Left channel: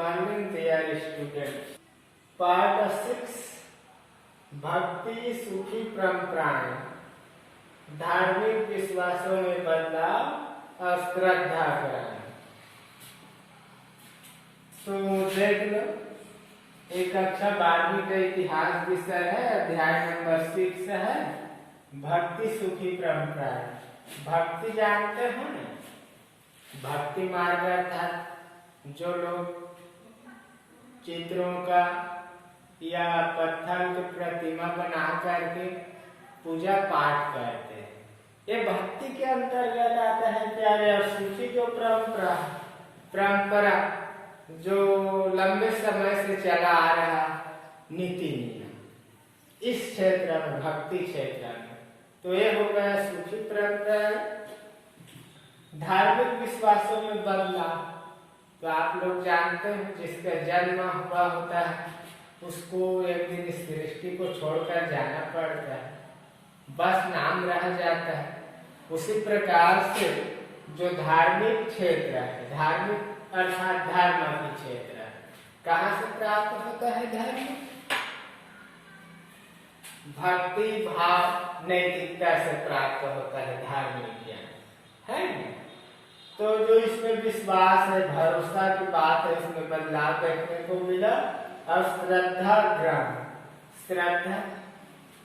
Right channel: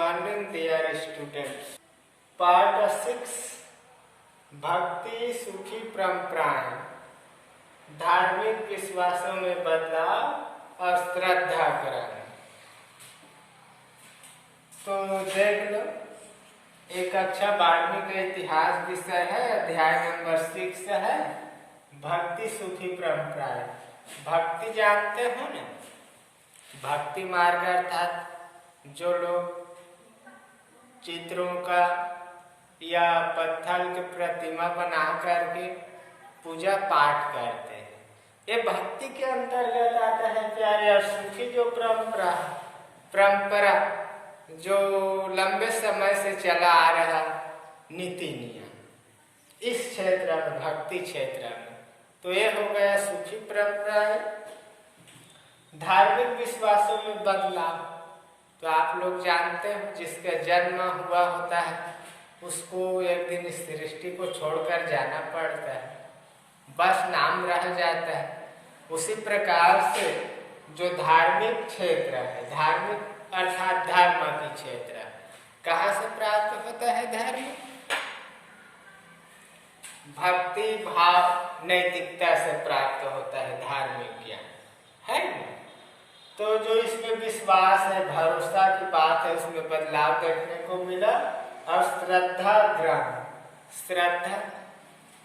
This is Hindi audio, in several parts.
morning dear students. Part 6 भक्ति सुखी परंपराएं, धार्मिक विश्वासों में बदलाव और श्रद्धा करें। तो देख लो, एक अच्छा 12वीं का इतिहास विषय है, अध्याय नंबर 6 है भक्ति सुखी परंपराएं। भक्ति जानते हैं ना, भक्ति मार्ग अर्थात जो लोग चित्रों का या पत्थर की प्रतिमा बना करके पूजा पाठ करते हैं, ये भक्ति के अंतर्गत आता है प्यारे। और सुखी जो परंपरा जो लंबे समय से चला आ रहा नीति नियम इस क्षेत्र में, भक्ति क्षेत्र में, तो ये हो गया सुखी परंपरा है। धार्मिक विश्वासों में बदलाव, तो आप लोग जानते हैं जिसका जन्म हुआ होता है उसको एक दिन इस सृष्टि को छोड़कर जाना पड़ता है, बस नाम रह जाता है। उसी प्रकार से जो धार्मिक क्षेत्र है, धार्मिक अर्थात धर्म की क्षेत्र, कहाँ से प्राप्त होता है धर्म? भक्ति भाव नैतिकता से प्राप्त होता है धार्मिक ज्ञान, है ना? तो जो इसमें विश्वास है, भरोसा की बात है, उसमें बदलाव देखने को मिला। और श्रद्धा ग्रहण, श्रद्धा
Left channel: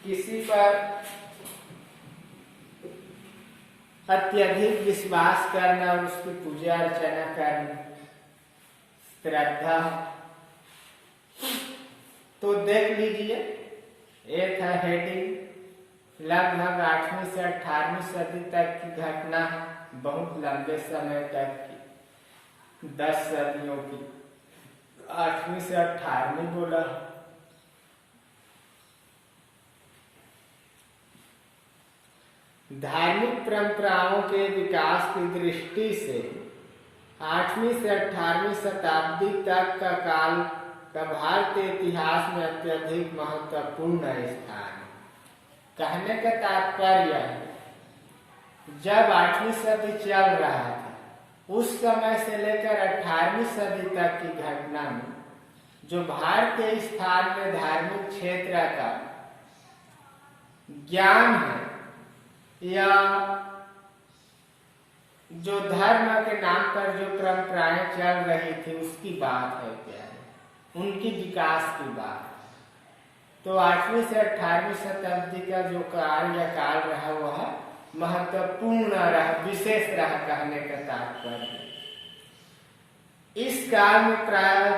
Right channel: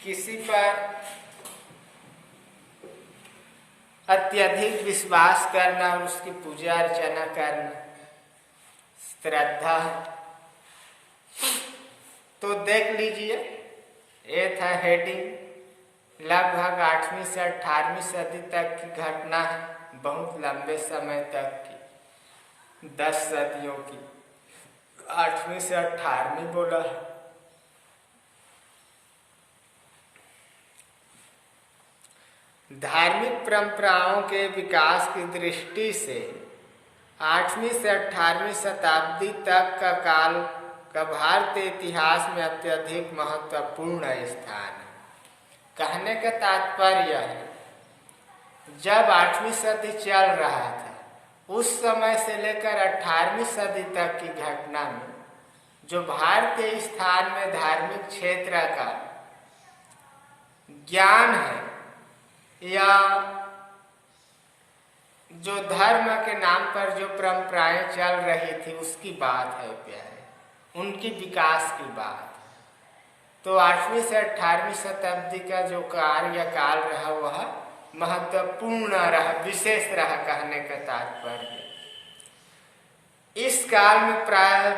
किसी पर अत्यधिक विश्वास करना और उसकी पूजा अर्चना करना, श्रद्धा। तो देख लीजिए, ये था हेडिंग। लगभग 8वीं से 18वीं सदी तक की घटना है, बहुत लंबे समय तक की, 10 सदियों की, 8वीं से 18वीं बोला। धार्मिक परंपराओं के विकास की दृष्टि से 8वीं से 18वीं शताब्दी तक का काल का भारतीय इतिहास में अत्यधिक महत्वपूर्ण स्थान है। कहने का तात्पर्य है, जब 8वीं सदी चल रहा था उस समय से लेकर 18वीं सदी तक की घटना में जो भारतीय स्थान में धार्मिक क्षेत्र का ज्ञान है या जो धर्म के नाम पर जो परंपराएं चल रही थी उसकी बात है प्यारे, उनकी विकास की बात। तो 8वीं से 18वीं शताब्दी का जो कार्यकाल रहा वह महत्वपूर्ण रहा, विशेष रहा, कहने का तात्पर्य। इस काल में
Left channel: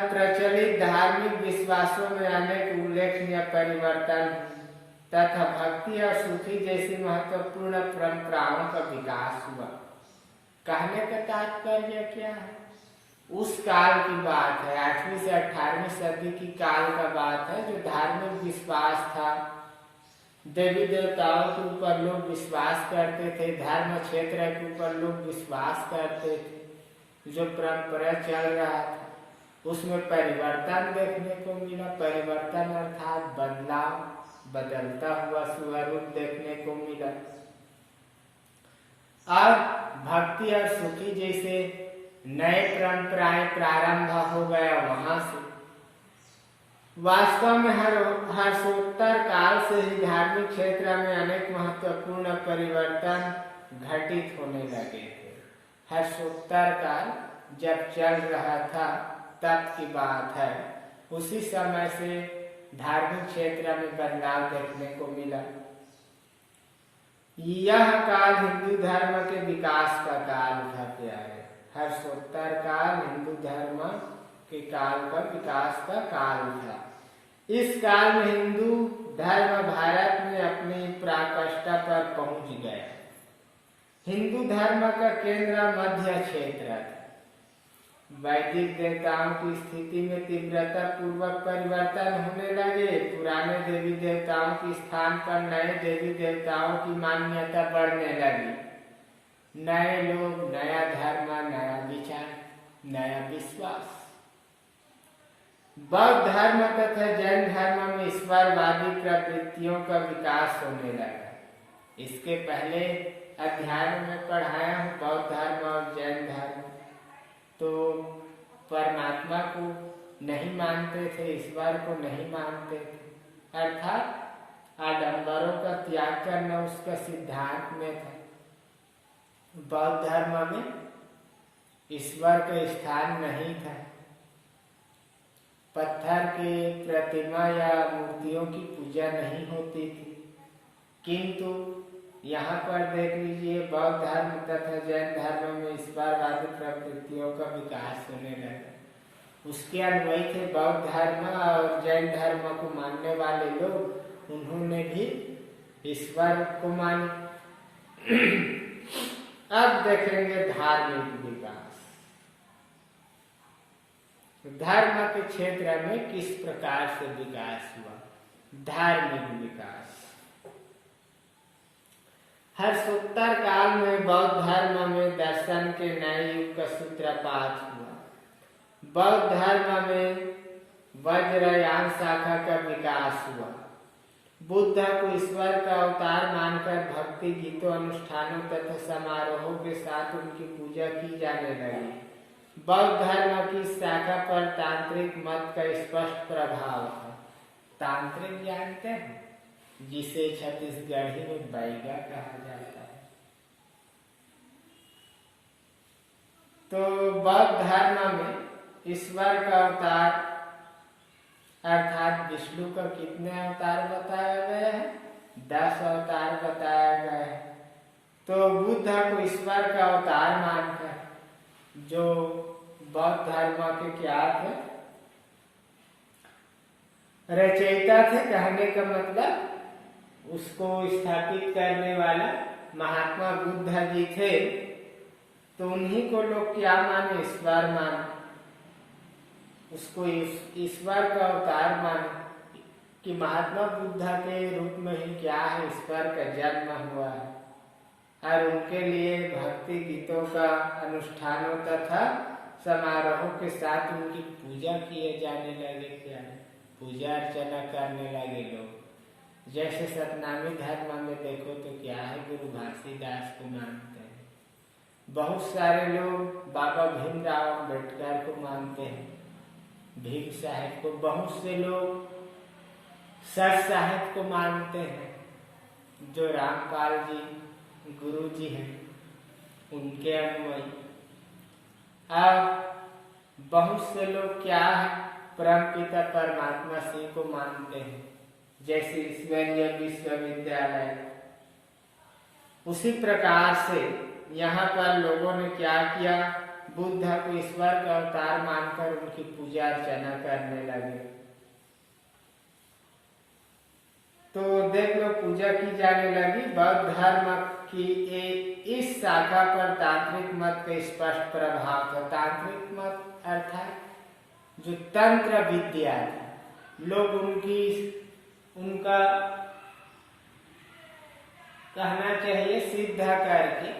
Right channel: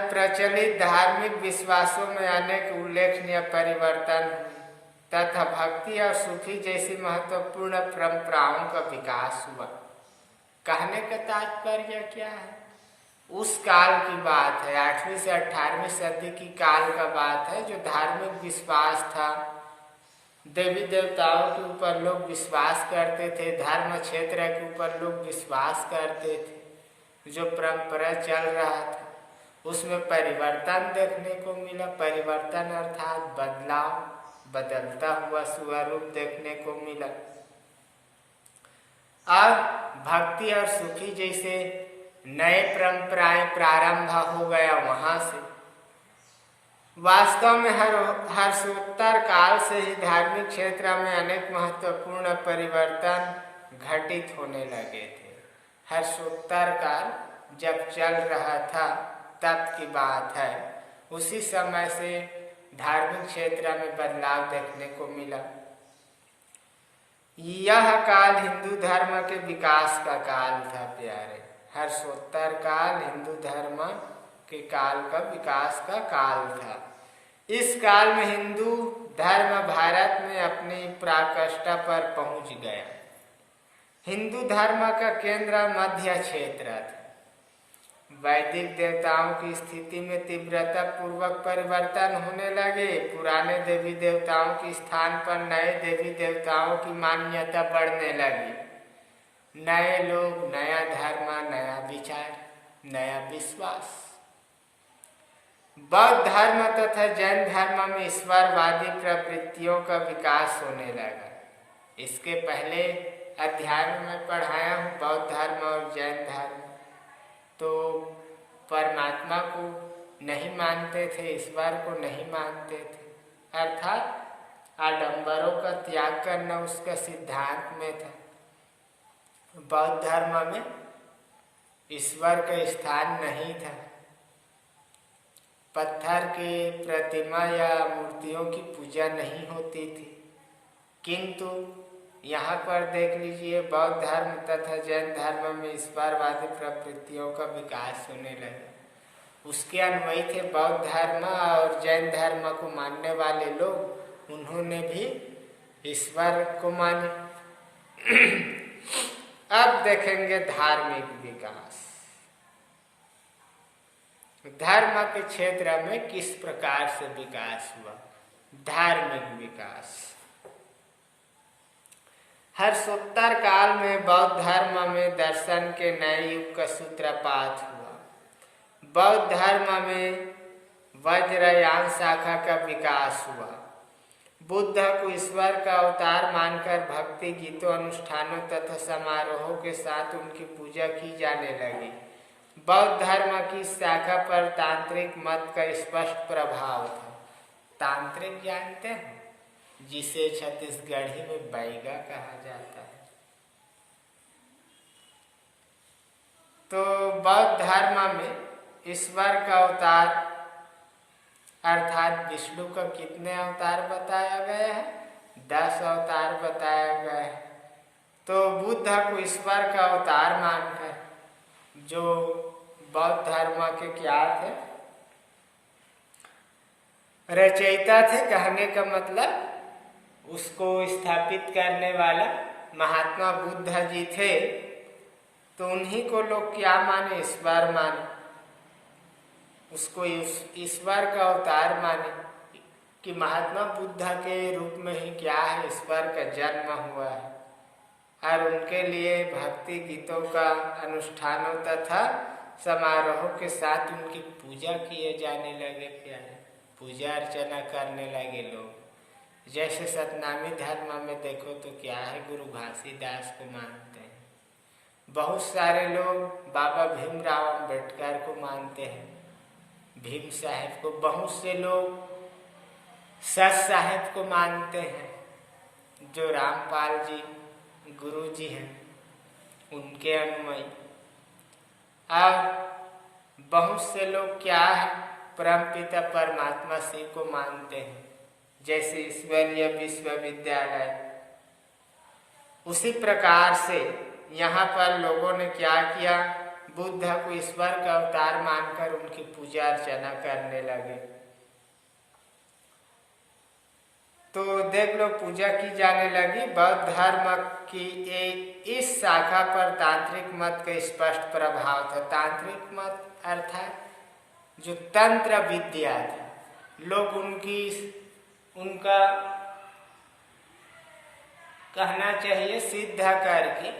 प्रचलित धार्मिक विश्वासों में अनेक उल्लेखनीय परिवर्तन तथा भक्ति और सुखी जैसी महत्वपूर्ण परंपराओं का विकास हुआ। कहने का तात्पर्य क्या है? उस काल की बात है, 8वीं से 18वीं सदी की काल का बात है, जो धार्मिक विश्वास था, देवी देवताओं के ऊपर लोग विश्वास करते थे, धर्म क्षेत्र के ऊपर लोग विश्वास करते थे। जो परंपरा चल रहा था उसमें परिवर्तन देखने को मिला। परिवर्तन अर्थात बदलाव, बदलता हुआ स्वरूप देखने को मिला। अब भक्ति और सुखी जैसे नए परंपराएं प्रारंभ हो गया वहां से। वास्तव में हर्षोत्तर काल से ही धार्मिक क्षेत्र में अनेक महत्वपूर्ण परिवर्तन घटित होने लगे थे। हर्षोत्तर काल जब चल रहा था तब की बात है, उसी समय से धार्मिक क्षेत्र में बदलाव देखने को मिला। यह काल हिंदू धर्म के विकास का काल था प्यारे। हर्षोत्तर काल हिंदू धर्म के काल का विकास का काल था। इस काल में हिंदू धर्म भारत में अपनी पराकाष्ठा पर पहुंच गया। हिंदू धर्म का केंद्र मध्य क्षेत्र था। वैदिक देवताओं की स्थिति में तीव्रता पूर्वक परिवर्तन होने लगे। पुराने देवी देवताओं के स्थान पर नए देवी देवताओं की मान्यता बढ़ने लगी। नए लोग, नया धर्म, नया विचार, नया विश्वास। बौद्ध धर्म तथा जैन धर्म में ईश्वरवादी प्रवृत्तियों का विकास होने लगा। इसके पहले अध्याय में पढ़ाया हूँ बौद्ध धर्म और जैन धर्म। तो परमात्मा को नहीं मानते थे, ईश्वर को नहीं मानते थे, अर्थात आडंबरों का त्याग करना उसका सिद्धांत में था। बौद्ध धर्म में ईश्वर का स्थान नहीं था, पत्थर की प्रतिमा या मूर्तियों की पूजा नहीं होती थी। किंतु यहाँ पर देख लीजिए, बौद्ध धर्म तथा जैन धर्म में ईश्वरवादी प्रवृत्तियों का विकास होने लगा। उसके अनुयायी थे बौद्ध धर्म और जैन धर्म को मानने वाले लोग, उन्होंने भी ईश्वर को माना। अब देखेंगे धार्मिक विकास। धर्म के क्षेत्र में किस प्रकार से विकास हुआ। धार्मिक विकास हर्षोत्तर काल में बौद्ध धर्म में दर्शन के नए युग का सूत्रपात हुआ। बौद्ध धर्म में वज्रयान शाखा का विकास हुआ। बुद्ध को ईश्वर का अवतार मानकर भक्ति गीतों, अनुष्ठानों तथा समारोहों के साथ उनकी पूजा की जाने लगी। बौद्ध धर्म की शाखा पर तांत्रिक मत का स्पष्ट प्रभाव था। तांत्रिक जानते हैं, जिसे छत्तीसगढ़ी में बैगा कहा जाता है। तो बौद्ध धर्म में ईश्वर का अवतार अर्थात विष्णु का कितने अवतार बताया गया है? 10 अवतार बताया गया है। तो बुद्ध को ईश्वर का अवतार मानकर, जो बौद्ध धर्म के क्या थे? रचयिता थे, कहने का मतलब उसको स्थापित करने वाला महात्मा बुद्ध जी थे। तो उन्हीं को लोग क्या माने? ईश्वर माने, उसको ईश्वर का अवतार माने कि महात्मा बुद्ध के रूप में ही क्या है, ईश्वर का जन्म हुआ है। और उनके लिए भक्ति गीतों का अनुष्ठानों तथा समारोहों के साथ उनकी पूजा किए जाने लगे। प्यारे, पूजा अर्चना करने लगे लोग। जैसे सतनामी धर्म में देखो तो क्या है, गुरु घासीदास को मानते हैं। बहुत सारे लोग बाबा भीमराव अम्बेडकर को मानते हैं, भीम साहेब को। बहुत से लोग सत साहेब को मानते हैं, जो रामपाल जी गुरु जी हैं, उनके अनुयायी। और बहुत से लोग क्या है, परमपिता परमात्मा शिव को मानते हैं, जैसे ईश्वरीय विश्वविद्यालय। उसी प्रकार से यहाँ पर लोगों ने क्या किया, बुद्ध को ईश्वर का अवतार मानकर उनकी पूजा अर्चना करने लगे। तो देख लो, पूजा की जाने लगी। बौद्ध धर्म की इस शाखा पर तांत्रिक मत का स्पष्ट प्रभाव था। तांत्रिक मत अर्थात जो तंत्र विद्या थी, लोग उनका कहना चाहिए सिद्ध करके,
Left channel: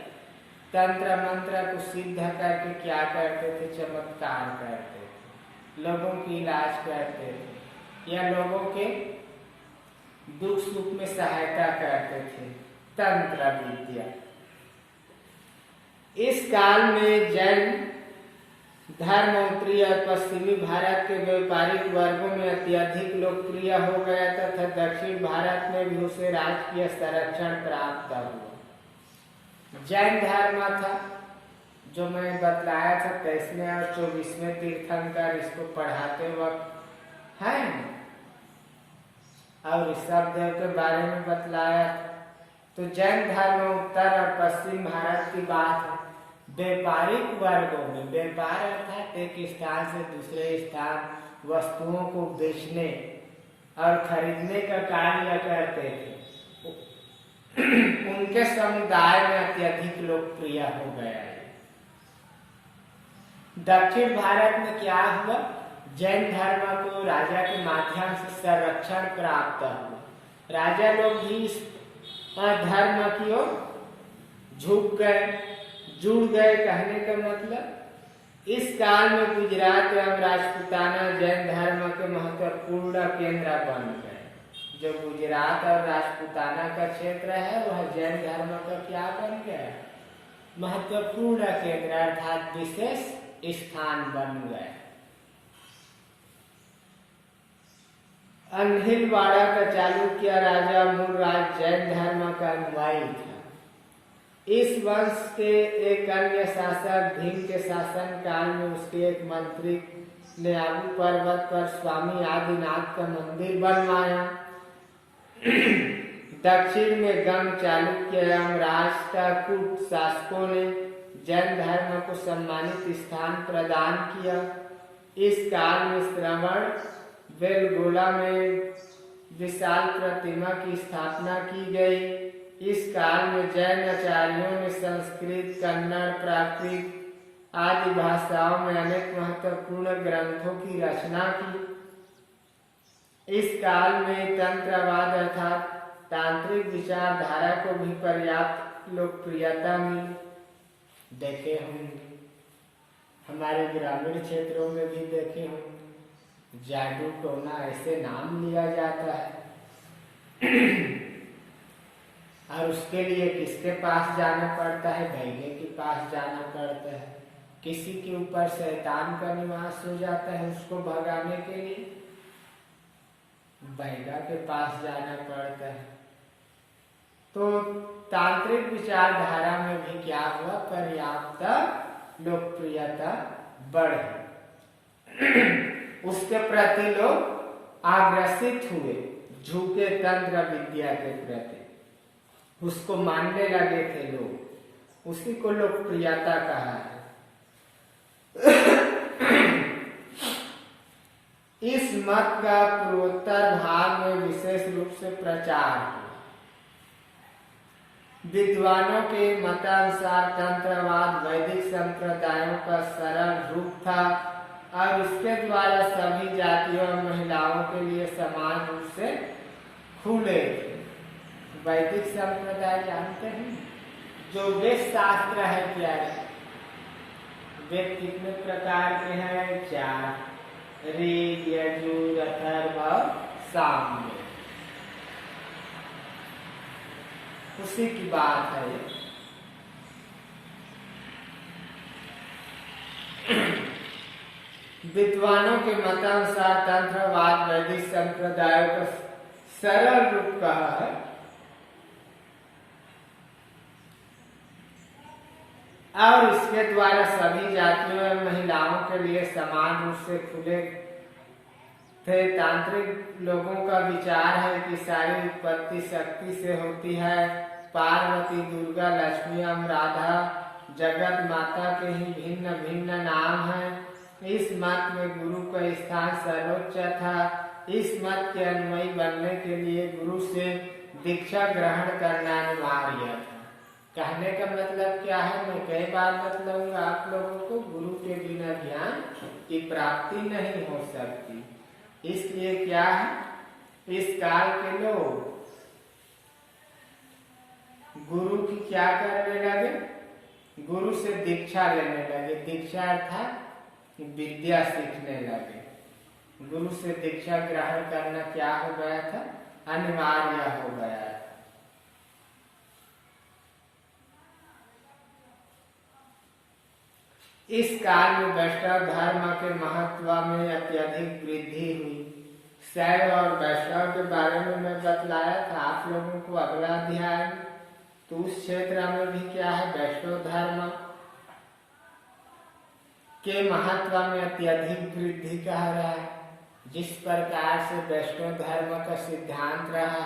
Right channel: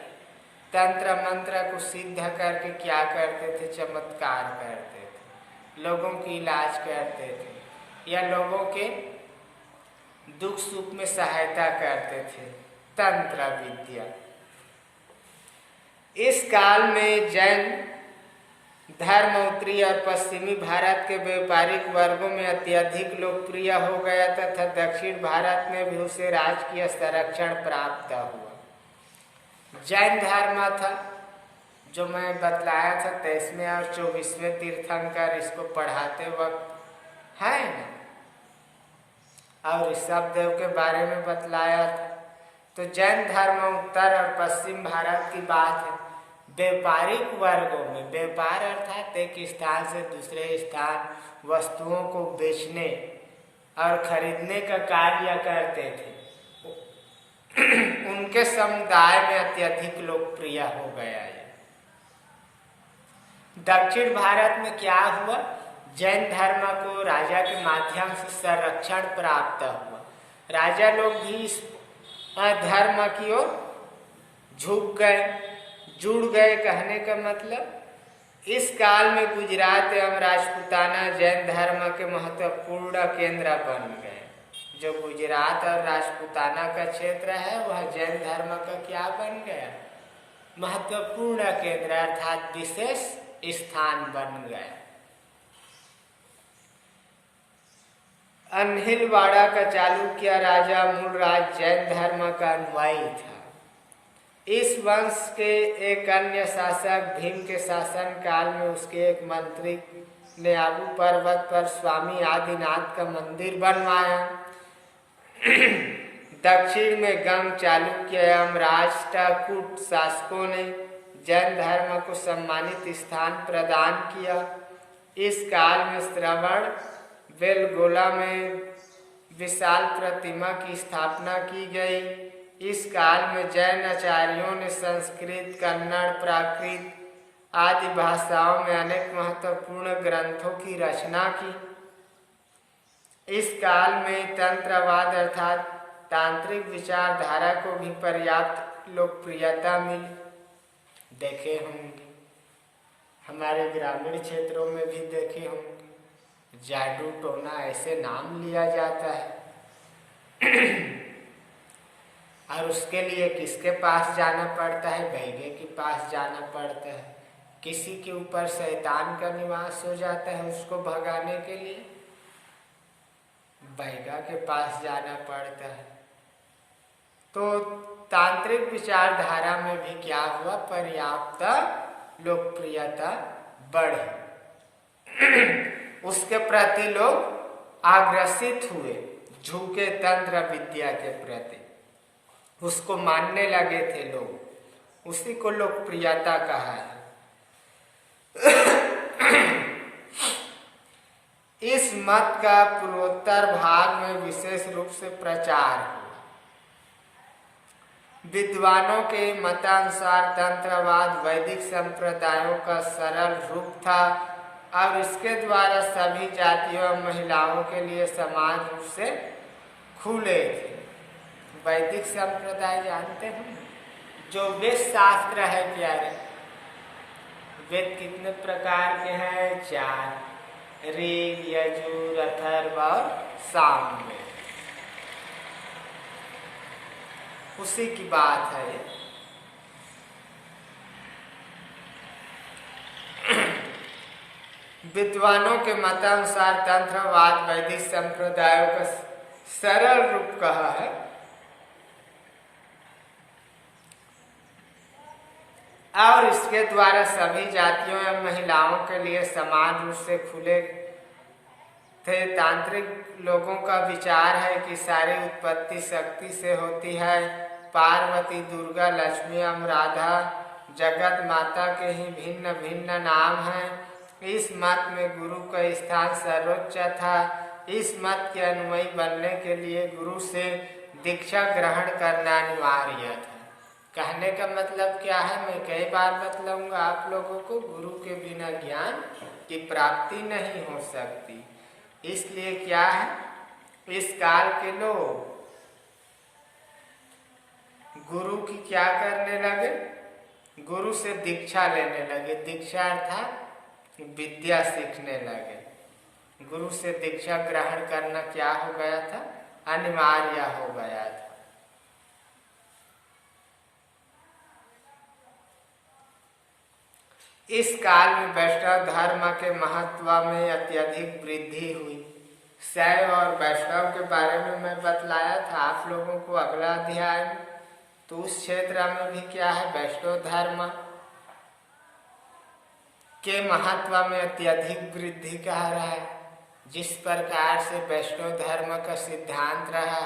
तंत्र मंत्र को सिद्ध करके क्या करते थे? चमत्कार करते थे, लोगों की इलाज करते थे या लोगों के दुख सुख में सहायता करते थे। तंत्र विद्या। इस काल में जैन धर्म उत्तरी और पश्चिमी भारत के व्यापारिक वर्गों में अत्यधिक लोकप्रिय हो गया तथा दक्षिण भारत में भी उसे राजकीय संरक्षण प्राप्त हुआ। जैन धर्म था, जो मैं बतलाया था 23वें और 24वें तीर्थंकर इसको पढ़ाते वक्त है ना, और ऋषभदेव के बारे में बतलाया था। तो जैन धर्म उत्तर और पश्चिम भारत की बात है। व्यापारिक वर्गों में, व्यापार अर्थात एक स्थान से दूसरे स्थान वस्तुओं को बेचने और खरीदने का कार्य करते थे, उनके समुदाय में अत्यधिक लोकप्रिय हो गया है। दक्षिण भारत में क्या हुआ, जैन धर्म को राजा के माध्यम से संरक्षण प्राप्त हुआ। राजा लोग भी इस धर्म की ओर झुक गए, जुड़ गए। कहने का मतलब इस काल में गुजरात एवं राजपूताना जैन धर्म के महत्वपूर्ण केंद्र बन गए। जो गुजरात और राजपूताना का क्षेत्र है वह जैन धर्म का क्या बन गया, महत्वपूर्ण केंद्र अर्थात विशेष स्थान बन गया। अन्हिलवाड़ा का चालुक्य राजा मूलराज जैन धर्म का अनुयायी था। इस वंश के एक अन्य शासक भीम के शासन काल में उसके एक मंत्री ने आबू पर्वत पर स्वामी आदिनाथ का मंदिर बनवाया। दक्षिण में गंग चालुक्य एवं राष्ट्रकूट शासकों ने जैन धर्म को सम्मानित स्थान प्रदान किया। इस काल में श्रवण बेलगोला में विशाल प्रतिमा की स्थापना की गई। इस काल में जैन आचार्यों ने संस्कृत, कन्नड़, प्राकृत आदि भाषाओं में अनेक महत्वपूर्ण ग्रंथों की रचना की। इस काल में तंत्रवाद अर्थात तांत्रिक विचारधारा को भी पर्याप्त लोकप्रियता मिली। देखे होंगे हमारे ग्रामीण क्षेत्रों में भी देखे होंगे, जादू टोना ऐसे नाम लिया जाता है। और उसके लिए किसके पास जाना पड़ता है? बैगे के पास जाना पड़ता है। किसी के ऊपर शैतान का निवास हो जाता है, उसको भगाने के लिए बैगा के पास जाना पड़ता है। तो तांत्रिक विचारधारा में भी क्या हुआ? पर्याप्त लोकप्रियता बढ़ी। उसके प्रति लोग आग्रसित हुए, झुके तंत्र विद्या के प्रति, उसको मानने लगे थे लोग। उसी को लोकप्रियता कहा है। इस मत का पूर्वोत्तर भाग में विशेष रूप से प्रचार हुआ। विद्वानों के मतानुसार तंत्रवाद वैदिक संप्रदायों का सरल रूप था और इसके द्वारा सभी जातियों और महिलाओं के लिए समान रूप से खुले थे। वैदिक संप्रदाय जानते हैं? जो वेद शास्त्र है प्यारे। वेद कितने प्रकार के हैं? 4, ऋग, यजुर, अथर्व और सामवेद। उसी की बात है। विद्वानों के मतानुसार तंत्रवाद वैदिक संप्रदायों का सरल रूप कहा है। और इसके द्वारा सभी जातियों एवं महिलाओं के लिए समान रूप से खुले थे। तांत्रिक लोगों का विचार है कि सारी उत्पत्ति शक्ति से होती है। पार्वती, दुर्गा, लक्ष्मी एवं राधा जगत माता के ही भिन्न भिन्न नाम हैं। इस मत में गुरु का स्थान सर्वोच्च था। इस मत के अनुयायी बनने के लिए गुरु से दीक्षा ग्रहण करना अनिवार्य था। कहने का मतलब क्या है? मैं कई बार बतलाऊंगा आप लोगों को, गुरु के बिना ज्ञान की प्राप्ति नहीं हो सकती। इसलिए क्या है, इस काल के लोग गुरु की क्या करने लगे? गुरु से दीक्षा लेने लगे। दीक्षा अर्थात विद्या सीखने लगे। गुरु से दीक्षा ग्रहण करना क्या हो गया था? अनिवार्य हो गया था। इस काल में वैष्णव धर्म के महत्व में अत्यधिक वृद्धि हुई। शैव और वैष्णव के बारे में मैं बतलाया था आप लोगों को अगला अध्याय में। तो उस क्षेत्र में भी क्या है? वैष्णव धर्म के महत्व में अत्यधिक वृद्धि कह रहा है। जिस प्रकार से वैष्णव धर्म का सिद्धांत रहा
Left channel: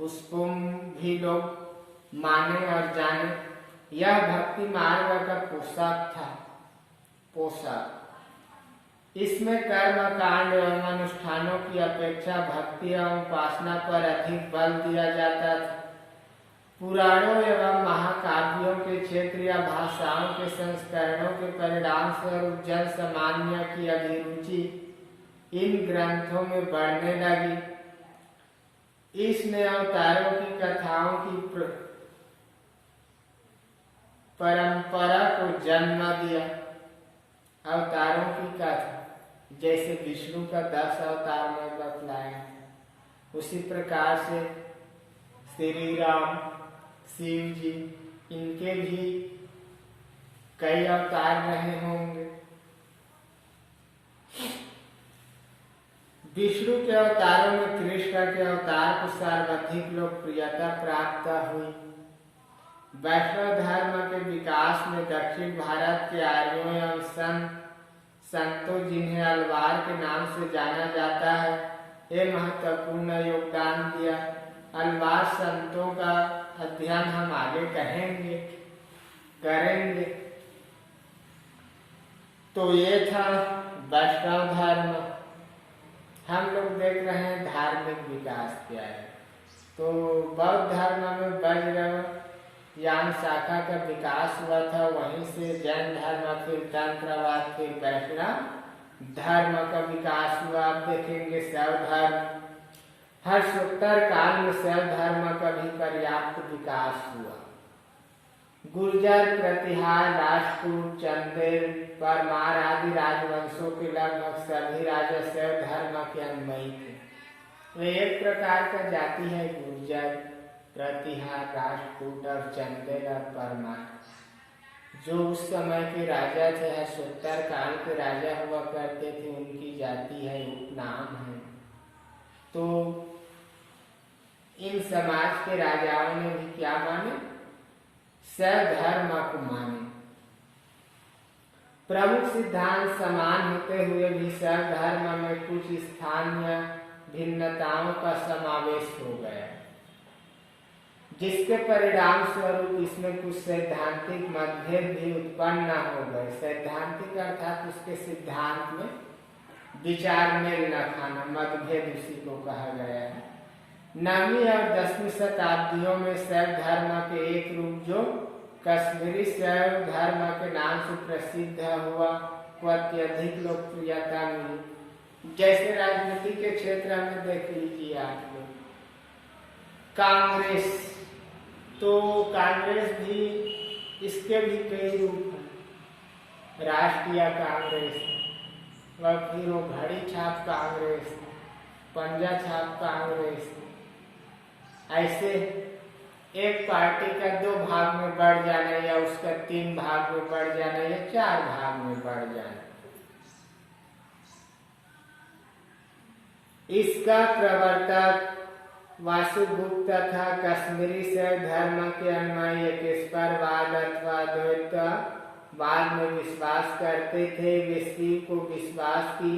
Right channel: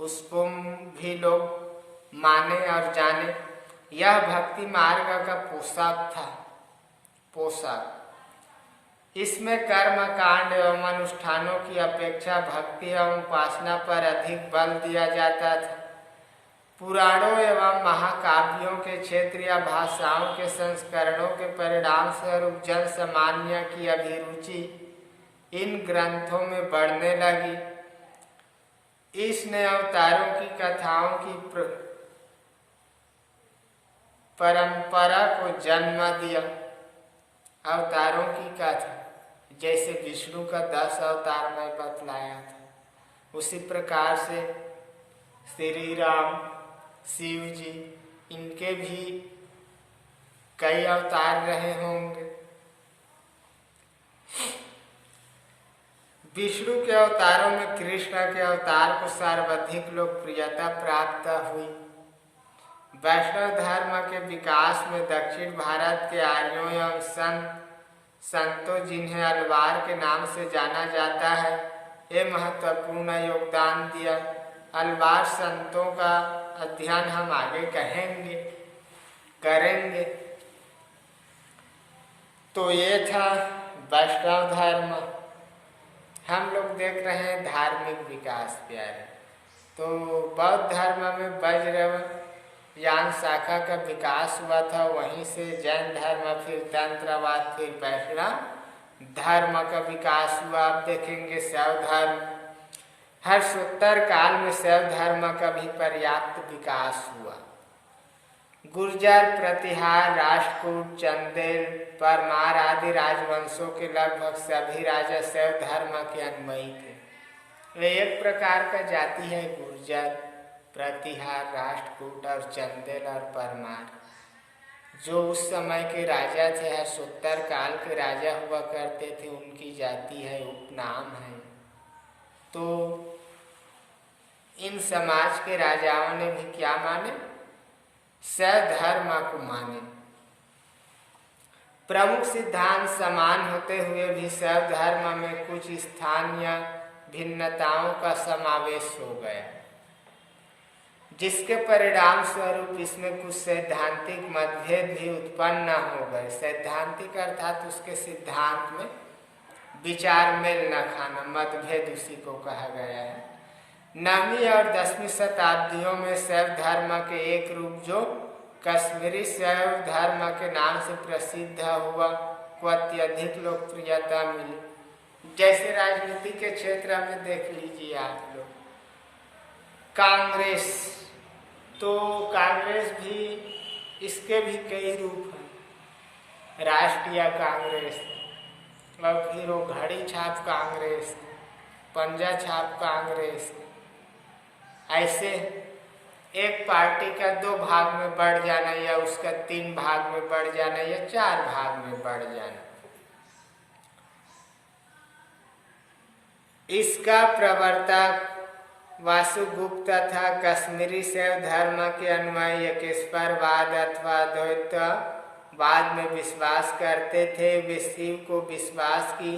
उसको भी लोग माने और जाने। यह भक्ति मार्ग का पोशाक था। इसमें कर्म कांड एवं अनुष्ठानों की अपेक्षा भक्ति एवं उपासना पर अधिक बल दिया जाता था। पुराणों एवं महाकाव्यों के क्षेत्रीय भाषाओं के संस्करणों के परिणाम स्वरूप जन सामान्य की अभिरुचि इन ग्रंथों में बढ़ने लगी। इसने अवतारों की कथाओं की परंपरा को जन्म दिया। अवतारों की कथा, जैसे विष्णु का 10 अवतार में बतलाया था, उसी प्रकार से श्री राम, शिव जी, इनके भी कई अवतार रहे होंगे। विष्णु के अवतारों में कृष्ण के अवतार को सर्वाधिक लोकप्रियता प्राप्त हुई। वैष्णव धर्म के विकास में दक्षिण भारत के आर्यों एवं संतों, जिन्हें अलवार के नाम से जाना जाता है, ये महत्वपूर्ण योगदान दिया। अलवार संतों का अध्ययन हम आगे करेंगे। तो ये था वैष्णव धर्म। हम लोग देख रहे हैं धार्मिक विकास प्यारे। तो बौद्ध धर्म में वज्रयान शाखा का विकास हुआ था, वहीं से जैन धर्म, फिर तंत्रवाद, फिर वैष्णव धर्म का विकास हुआ। आप देखेंगे शैव धर्म, हर्षोत्तर काल में शैव धर्म का भी पर्याप्त विकास हुआ। गुर्जर, प्रतिहार, राष्ट्रकूट, चंदेल, परमार आदि राजवंशों के लगभग सभी राजा शैव धर्म के अनुयायी थे। वे एक प्रकार का जाति है गुर्जर, प्रतिहार, राष्ट्रकूट और चंदेल और परमार, जो उस समय के राजा थे, हर्षोत्तर काल के राजा हुआ करते थे, उनकी जाति है, उपनाम है। तो इन समाज के राजाओं ने भी क्या माने? शैव धर्म को माने। प्रमुख सिद्धांत समान होते हुए भी शैव धर्म में कुछ स्थानीय भिन्नताओं का समावेश हो गया, जिसके परिणाम स्वरूप इसमें कुछ सैद्धांतिक मतभेद भी उत्पन्न हो गए। सैद्धांतिक अर्थात उसके सिद्धांत में विचार मेल न खाना, मतभेद उसी को कहा गया है। 9वीं और 10वीं शताब्दियों में शैव धर्म के एक रूप जो कश्मीरी शैव धर्म के नाम से प्रसिद्ध हुआ को अत्यधिक लोकप्रियता मिली। जैसे राजनीति के क्षेत्र में देख लीजिए आप लोग, कांग्रेस, तो कांग्रेस भी, इसके भी कई रूप हैं। राष्ट्रीय कांग्रेस, और फिर वो घड़ी छाप कांग्रेस, पंजा छाप कांग्रेस। ऐसे एक पार्टी का 2 भाग में बढ़ जाना, या उसका 3 भाग में बढ़ जाना, या 4 भाग में बढ़ जाना, इसका प्रवर्तक वासुगुप्त था। कश्मीरी शैव धर्म के अनुयायी एकेश्वरवाद अथवा द्वैतवाद में विश्वास करते थे। वे शिव को विश्वास की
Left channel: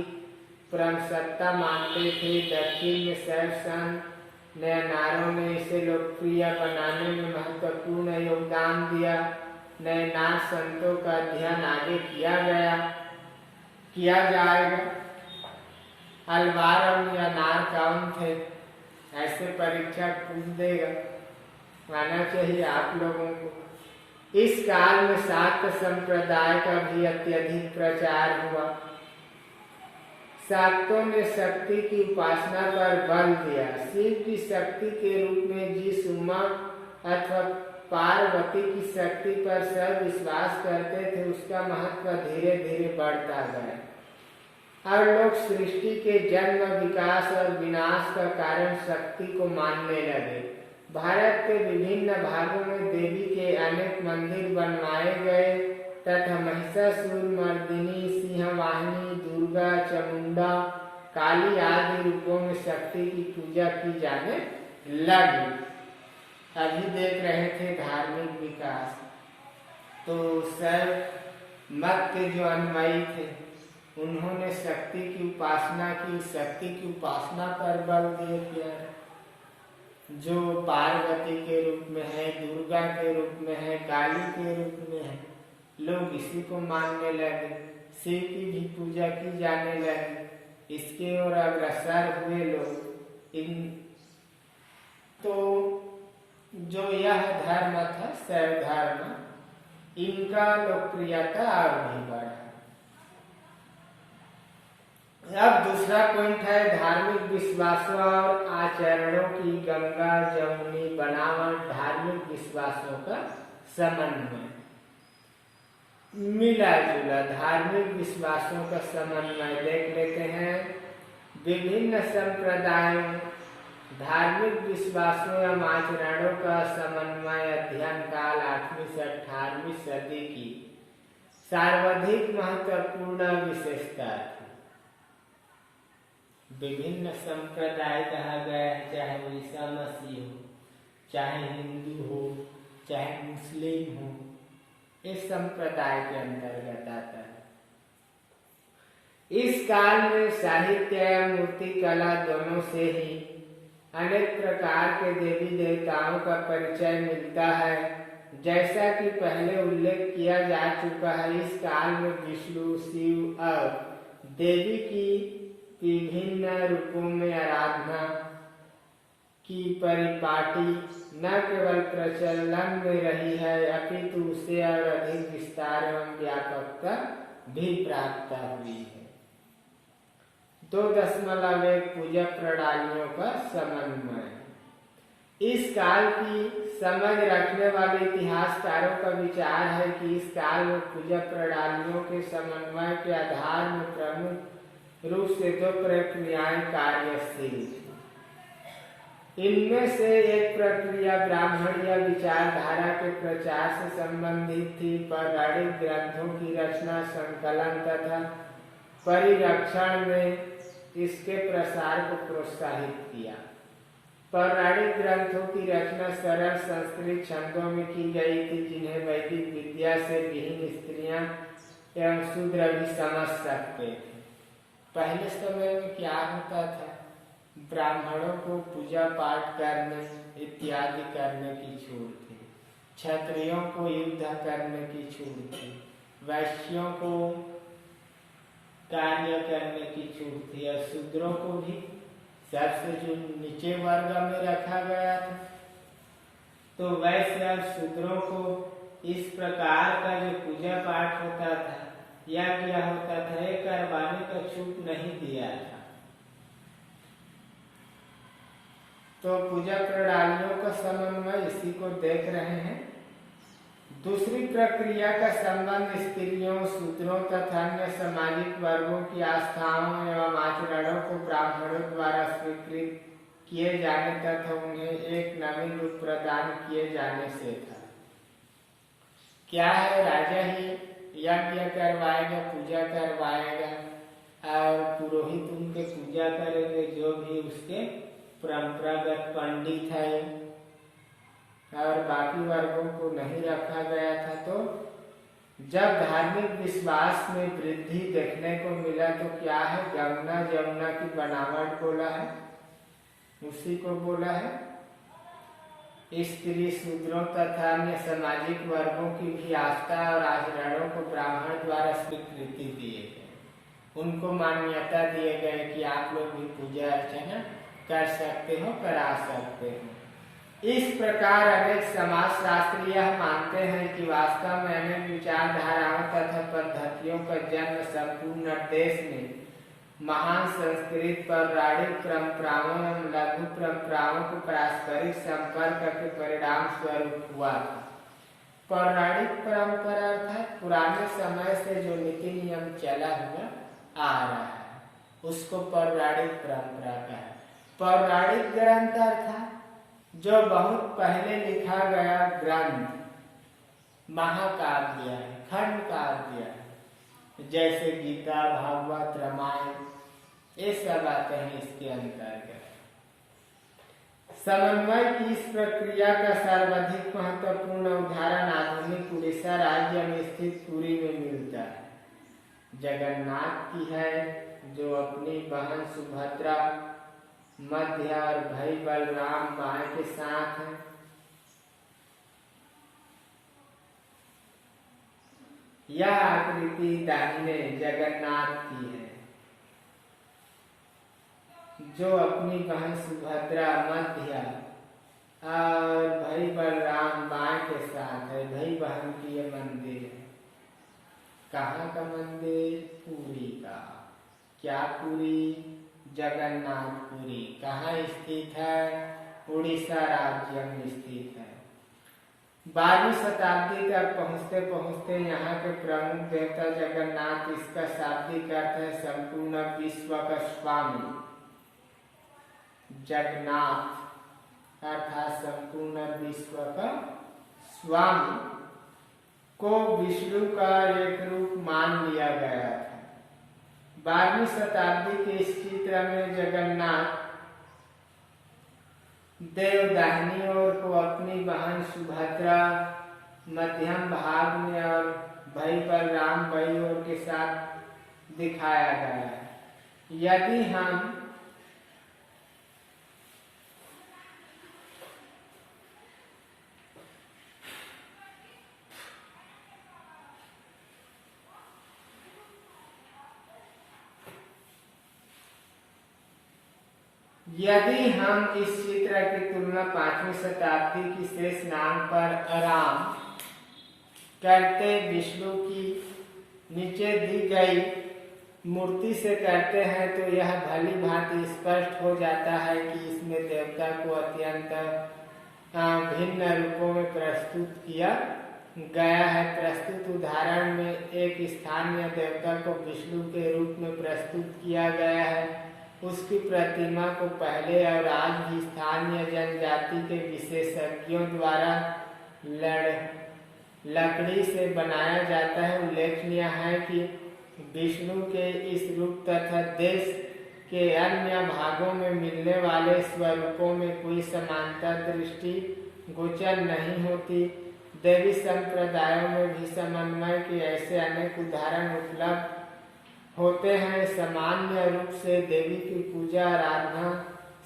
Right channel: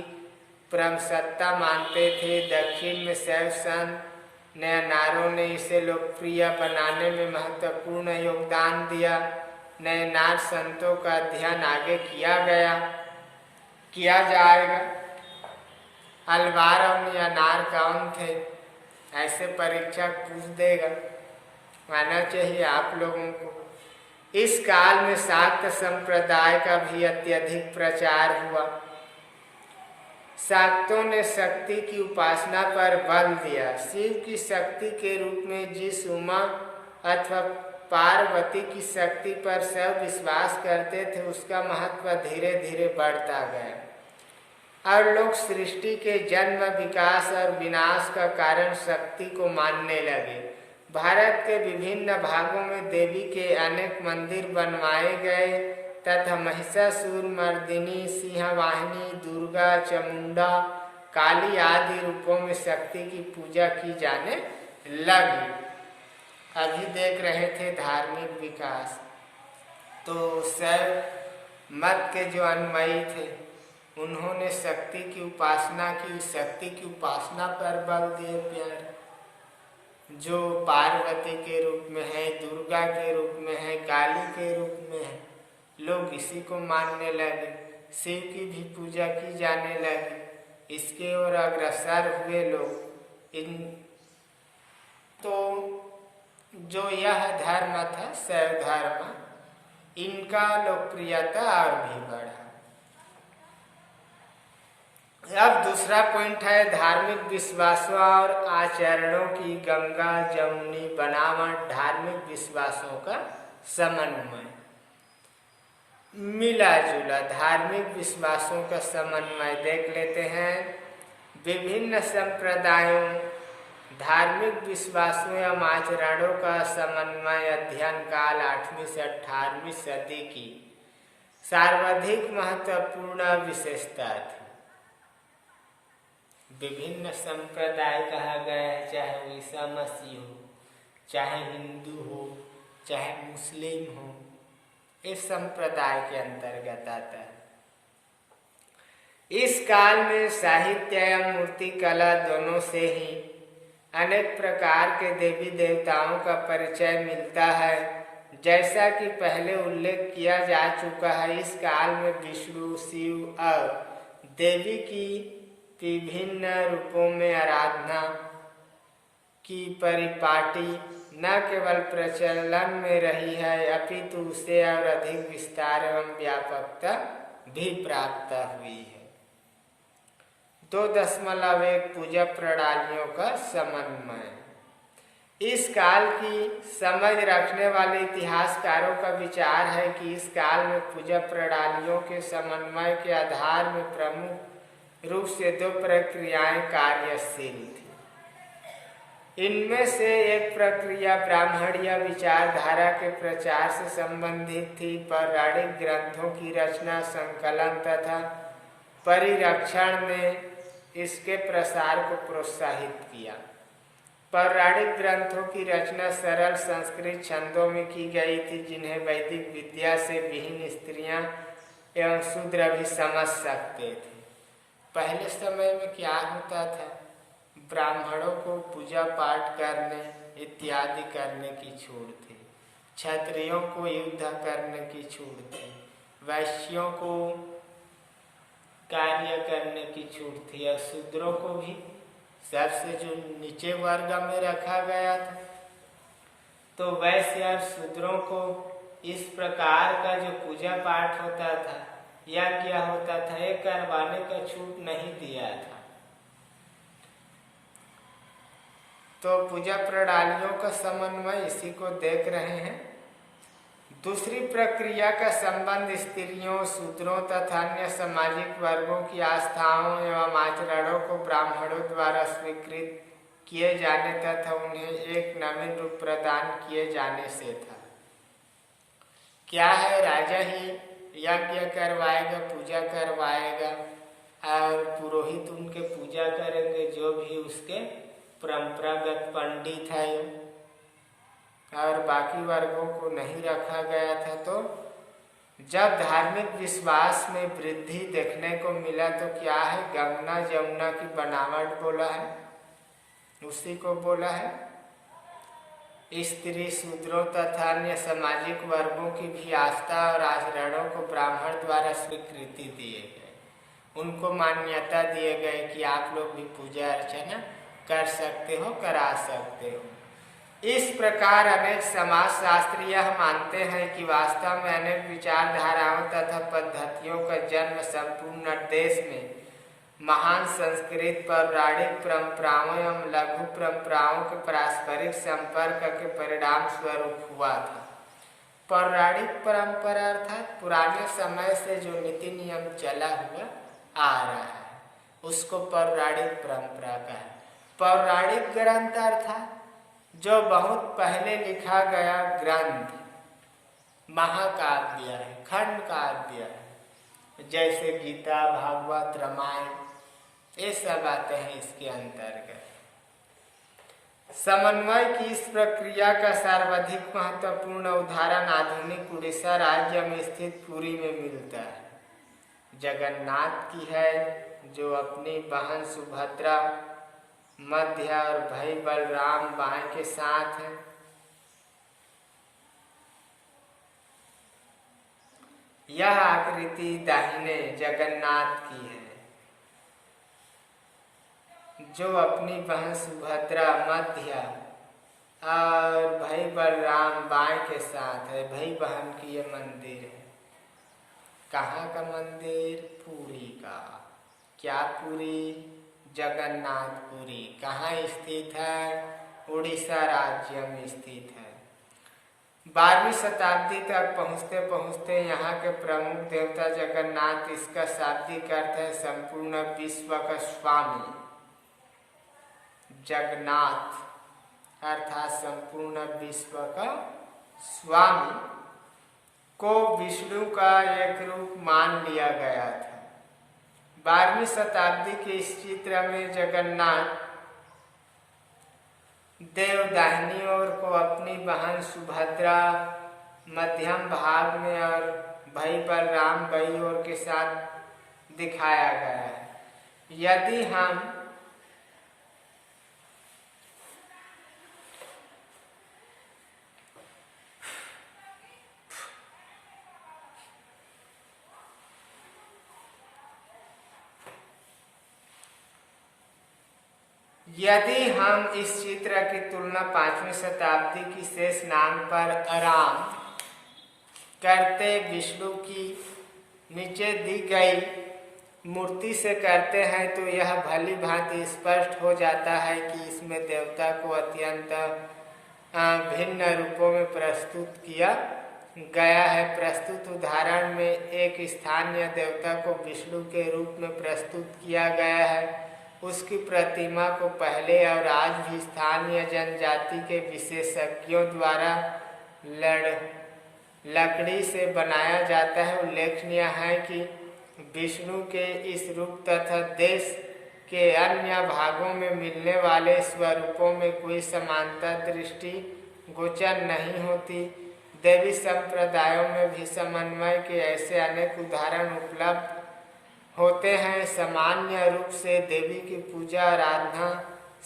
परम सत्ता मानते थे। दक्षिण में शैव संत नयनारों ने इसे लोकप्रिय बनाने में महत्वपूर्ण योगदान दिया। नयनार संतों का अध्ययन आगे किया जाएगा। अलवार और नयनार कौन थे, ऐसे परीक्षक पूछ देगा, मानना चाहिए आप लोगों को। इस काल में शाक्त संप्रदाय का भी अत्यधिक प्रचार हुआ। शाक्तों ने शक्ति की उपासना पर बल दिया। शिव की शक्ति के रूप में जिस उमा अथवा पार्वती की शक्ति पर सब विश्वास करते थे, उसका महत्व धीरे धीरे बढ़ता गया और लोग सृष्टि के जन्म, विकास और विनाश का कारण शक्ति को मानने लगे। भारत के विभिन्न भागों में देवी के अनेक मंदिर बनवाए गए तथा महिषासुर मर्दिनी, सिंहवाहिनी, दुर्गा, चामुंडा, काली आदि रूपों में शक्ति की पूजा की जाने लगी। अभी देख रहे थे धार्मिक विकास। तो शैव मत के जो अनुयायी थे, उन्होंने शक्ति की उपासना की, शक्ति की उपासना पर बल दिए प्यारे, जो पार्वती के रूप में है, दुर्गा के रूप में है, काली के रूप में है। लोग इसी को मानने लगे, शिव की भी पूजा की जाने लगी। इसके ओर अग्रसर हुए लोग। तो जो यह धर्म था शैव धर्म, इनका लोकप्रियता और भी बढ़ा। अब दूसरा पॉइंट है धार्मिक विश्वासों और आचरणों की गंगा जमुनी बनावट। धार्मिक विश्वासों का समन्वय, मिला जुला धार्मिक विश्वासों का समन्वय देख लेते हैं। विभिन्न संप्रदायों, धार्मिक विश्वासों या आचरणों का समन्वय अध्ययन काल 8वीं से 18वीं सदी की सर्वाधिक महत्वपूर्ण विशेषता थी। विभिन्न संप्रदाय कहा गया है, चाहे वो ईसा मसीह हो, चाहे हिंदू हो, चाहे मुस्लिम हो, इस संप्रदाय के अंतर्गत आता है। इस काल में साहित्य एवं मूर्ति कला दोनों से ही अनेक प्रकार के देवी देवताओं का परिचय मिलता है। जैसा कि पहले उल्लेख किया जा चुका है, इस काल में विष्णु, शिव और देवी की विभिन्न रूपों में आराधना की परिपाटी न केवल प्रचलन में रही है, अपितु उसे और अधिक विस्तार एवं व्यापकता भी प्राप्त हुई है। 2.1 पूजा प्रणालियों का समन्वय। इस काल की समझ रखने वाले इतिहासकारों का विचार है कि इस काल में पूजा प्रणालियों के समन्वय के आधार में प्रमुख रूप से 2 प्रक्रियाएं कार्यशील थी। इनमें से एक प्रक्रिया ब्राह्मणीय विचारधारा के प्रचार से संबंधित थी। पौराणिक ग्रंथों की रचना, संकलन तथा परिरक्षण में इसके प्रसार को प्रोत्साहित किया। पौराणिक ग्रंथों की रचना सरल संस्कृत छंदों में की गई थी, जिन्हें वैदिक विद्या से विहीन स्त्रियां एवं शूद्र भी समझ सकते थे। पहले समय में क्या होता था, ब्राह्मणों को पूजा पाठ करने इत्यादि करने की छूट थी, क्षत्रियों को युद्ध करने की छूट थी, वैश्यों को कार्य करने की छूट थी, और शूद्रों को भी सबसे जो नीचे वर्ग में रखा गया था। तो वैश्य और शूद्रों को इस प्रकार का जो पूजा पाठ होता था या क्या होता था, ये करवाने का छूट नहीं दिया था। तो पूजा प्रणालियों का समन्वय इसी को देख रहे हैं। दूसरी प्रक्रिया का संबंध स्त्रियों, शूद्रों तथा अन्य सामाजिक वर्गों की आस्थाओं एवं आचरणों को ब्राह्मणों द्वारा स्वीकृत किए जाने तथा उन्हें एक नवीन रूप प्रदान किए जाने से था। क्या है, राजा ही यज्ञ करवाएगा, पूजा करवाएगा और पुरोहित उनके पूजा करेंगे, जो भी उसके परंपरागत पंडित है, और बाकी वर्गों को नहीं रखा गया था। तो जब धार्मिक विश्वास में वृद्धि देखने को मिला तो क्या है, गंगा जमुना की बनावट बोला है, उसी को बोला है। स्त्री, शूद्रों तथा अन्य सामाजिक वर्गों की भी आस्था और आचरणों को ब्राह्मण द्वारा स्वीकृति दिए गए, उनको मान्यता दिए गए कि आप लोग भी पूजा अर्चना कर सकते हो, करा सकते हो। इस प्रकार अनेक समाज शास्त्री यह मानते हैं कि वास्तव में अनेक विचारधाराओं तथा पद्धतियों का जन्म संपूर्ण देश में महान संस्कृत पौराणिक परंपराओं एवं लघु परंपराओं के पारस्परिक संपर्क के परिणाम स्वरूप हुआ था। पौराणिक परंपरा अर्थात पुराने समय से जो नीति नियम चला हुआ आ रहा है, उसको पौराणिक परंपरा का है। पौराणिक ग्रंथ अर्थात जो बहुत पहले लिखा गया ग्रंथ, महाकाव्य है, खंड काव्य है, जैसे गीता, भागवत, रामायण, ये सब आते हैं इसके अंतर्गत। समन्वय की इस प्रक्रिया का सर्वाधिक महत्वपूर्ण उदाहरण आधुनिक उड़ीसा राज्य में स्थित पुरी में मिलता है। जगन्नाथ की है, जो अपनी बहन सुभद्रा मध्य और भाई बलराम बाएं के साथ है। यह आकृति दाहिने जगन्नाथ की है, जो अपनी बहन सुभद्रा मध्य और भाई बलराम बाएं के साथ है। भाई बहन की ये मंदिर है। कहाँ का मंदिर? पुरी का। क्या पुरी? जगन्नाथपुरी। कहाँ स्थित है? उड़ीसा राज्य में स्थित है। 12वीं शताब्दी तक पहुँचते पहुँचते यहाँ के प्रमुख देवता जगन्नाथ, इसका शाब्दिक अर्थ है संपूर्ण विश्व का स्वामी। जगन्नाथ अर्थात संपूर्ण विश्व का स्वामी को विष्णु का एक रूप मान लिया गया था। 12वीं शताब्दी के इस चित्र में जगन्नाथ देव दाहिनी ओर को अपनी बहन सुभद्रा मध्यम भाग में और भाई बलराम बाईं ओर के साथ दिखाया गया है। यदि हम इस चित्र की तुलना 5वीं शताब्दी की शेष नाग पर आराम करते विष्णु की नीचे दी गई मूर्ति से करते हैं तो यह भली भांति स्पष्ट हो जाता है कि इसमें देवता को अत्यंत भिन्न रूपों में प्रस्तुत किया गया है। प्रस्तुत उदाहरण में एक स्थानीय देवता को विष्णु के रूप में प्रस्तुत किया गया है। उसकी प्रतिमा को पहले और आज भी स्थानीय जनजाति के विशेषज्ञों द्वारा लकड़ी से बनाया जाता है। उल्लेखनीय है कि विष्णु के इस रूप तथा देश के अन्य भागों में मिलने वाले स्वरूपों में कोई समानता दृष्टि गोचर नहीं होती। देवी संप्रदायों में भी समन्वय के ऐसे अनेक उदाहरण उपलब्ध होते हैं। सामान्य रूप से देवी की पूजा आराधना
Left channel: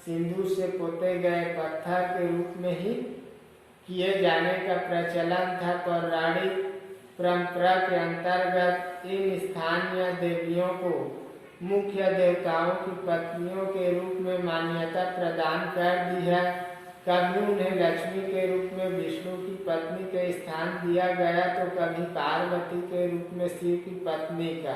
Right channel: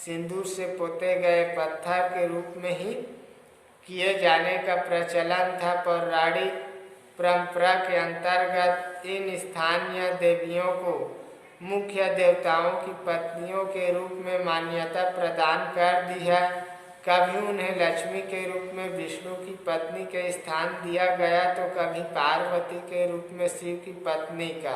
सिंदूर से पोते गए पत्थर के रूप में ही किए जाने का प्रचलन था। पौराणिक परंपरा के अंतर्गत इन स्थानीय देवियों को मुख्य देवताओं की पत्नियों के रूप में मान्यता प्रदान कर दी है। कभी उन्हें लक्ष्मी के रूप में विष्णु की पत्नी के स्थान दिया गया तो कभी पार्वती के रूप में शिव की पत्नी का।